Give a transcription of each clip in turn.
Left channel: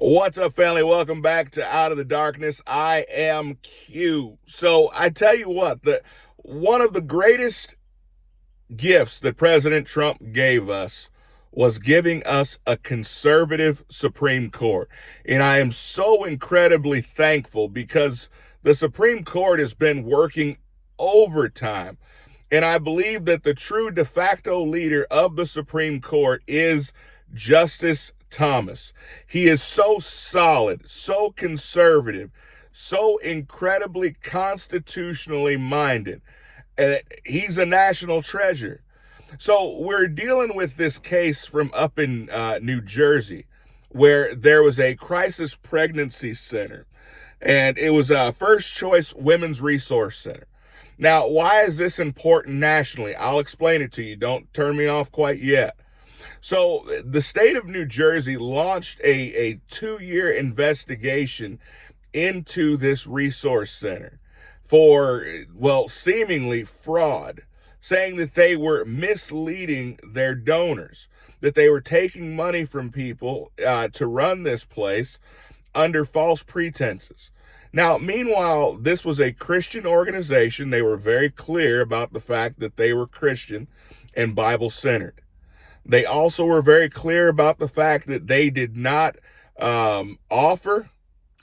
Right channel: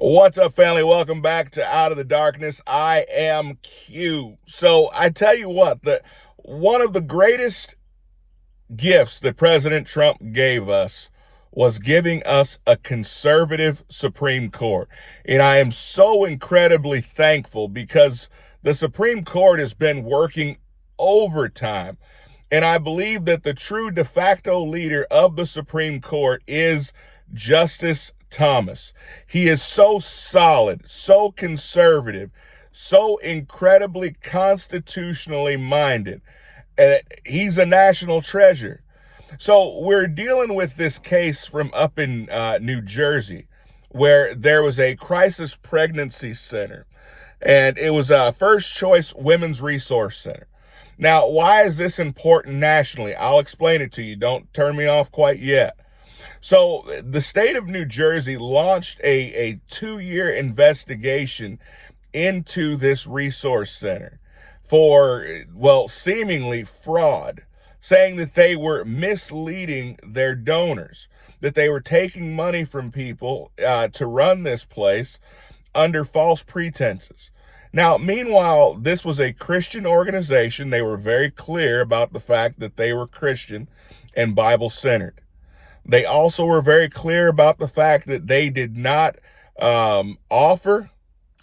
What's up, family? Welcome back to Out of the Darkness. I am Q. So I tell you what, one of the greatest gifts that President Trump gave us was giving us a conservative Supreme Court. And I am so incredibly thankful because the Supreme Court has been working overtime. And I believe that the true de facto leader of the Supreme Court is Justice Thomas. He is so solid, so conservative, so incredibly constitutionally minded. And he's a national treasure. So we're dealing with this case from up in New Jersey where there was a crisis pregnancy center, and it was a First Choice Women's Resource Center. Now, why is this important nationally? I'll explain it to you. Don't turn me off quite yet. So the state of New Jersey launched a 2-year investigation into this resource center for, well, seemingly fraud, saying that they were misleading their donors, that they were taking money from people to run this place under false pretenses. Now, meanwhile, this was a Christian organization. They were very clear about the fact that they were Christian and Bible-centered. They also were very clear about the fact that they did not offer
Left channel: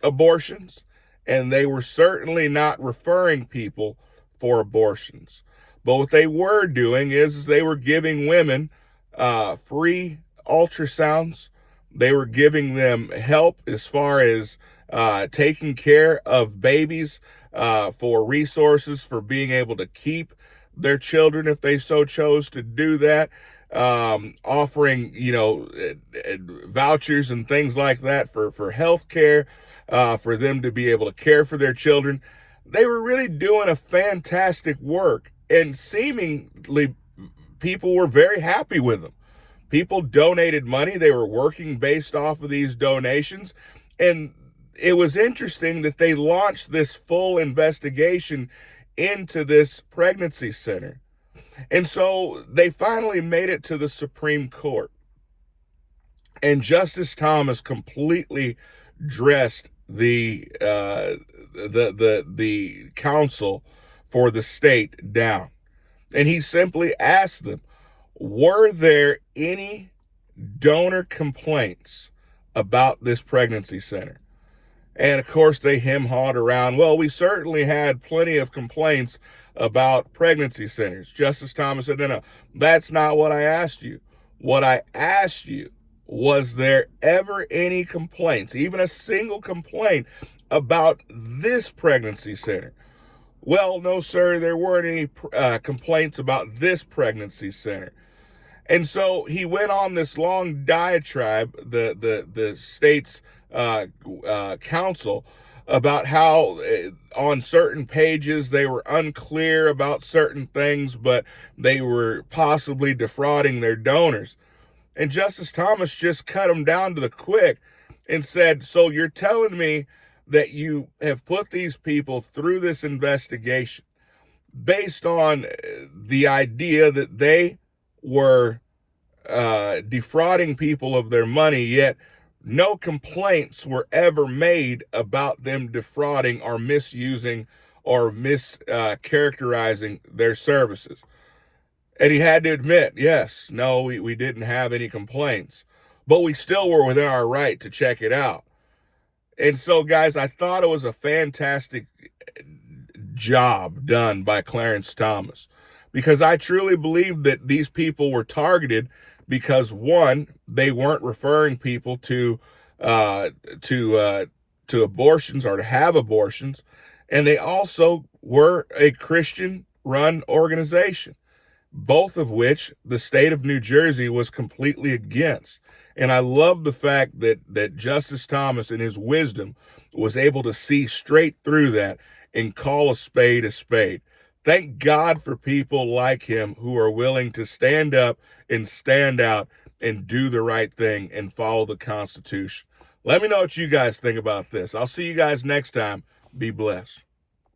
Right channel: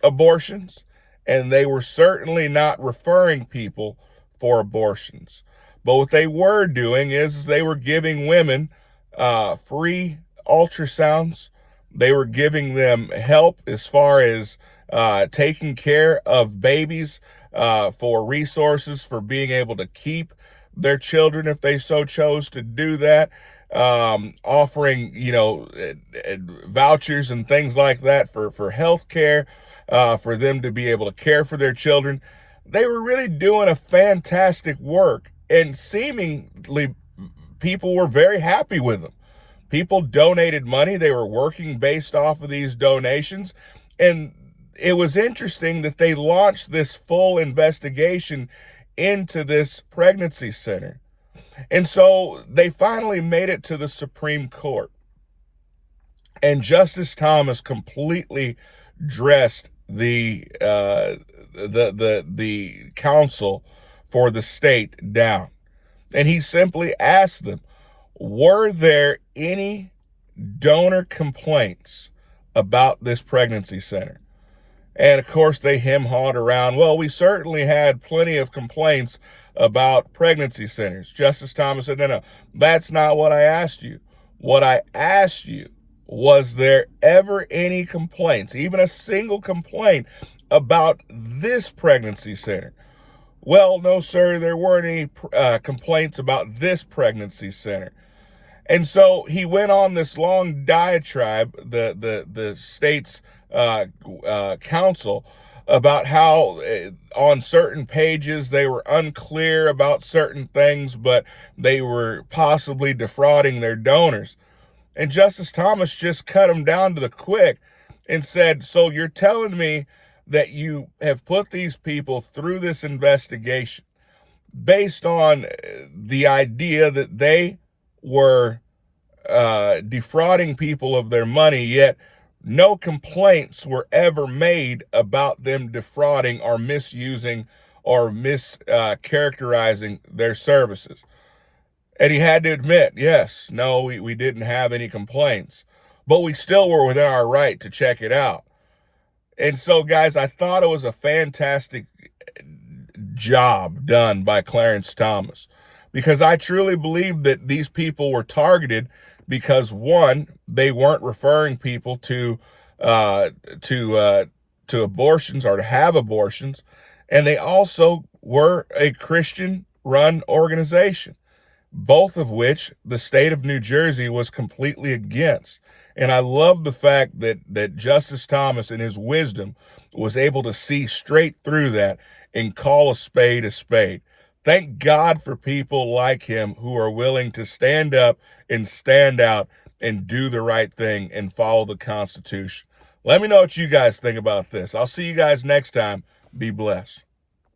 abortions, and they were certainly not referring people for abortions. But what they were doing is they were giving women free ultrasounds. They were giving them help as far as taking care of babies, for resources for being able to keep their children if they so chose to do that, offering, vouchers and things like that for health care, for them to be able to care for their children. They were really doing a fantastic work, and seemingly people were very happy with them. People donated money. They were working based off of these donations. And it was interesting that they launched this full investigation into this pregnancy center. And so they finally made it to the Supreme Court. And Justice Thomas completely dressed the counsel for the state down. And he simply asked them, were there any donor complaints about this pregnancy center? And of course, they hem-hawed around, well, we certainly had plenty of complaints about pregnancy centers. Justice Thomas said, no, that's not what I asked you. What I asked you, was there ever any complaints, even a single complaint about this pregnancy center? Well, no, sir, there weren't any complaints about this pregnancy center. And so he went on this long diatribe, the state's counsel, about how on certain pages they were unclear about certain things, but they were possibly defrauding their donors. And Justice Thomas just cut him down to the quick and said, so you're telling me that you have put these people through this investigation based on the idea that they were defrauding people of their money, yet no complaints were ever made about them defrauding or misusing or mischaracterizing their services. And he had to admit, yes, no, we didn't have any complaints, but we still were within our right to check it out. And so, guys, I thought it was a fantastic job done by Clarence Thomas, because I truly believe that these people were targeted because, one, they weren't referring people to abortions or to have abortions, and they also were a Christian-run organization, both of which the state of New Jersey was completely against. And I love the fact that Justice Thomas, in his wisdom, was able to see straight through that and call a spade a spade. Thank God for people like him who are willing to stand up and stand out and do the right thing and follow the Constitution. Let me know what you guys think about this. I'll see you guys next time. Be blessed.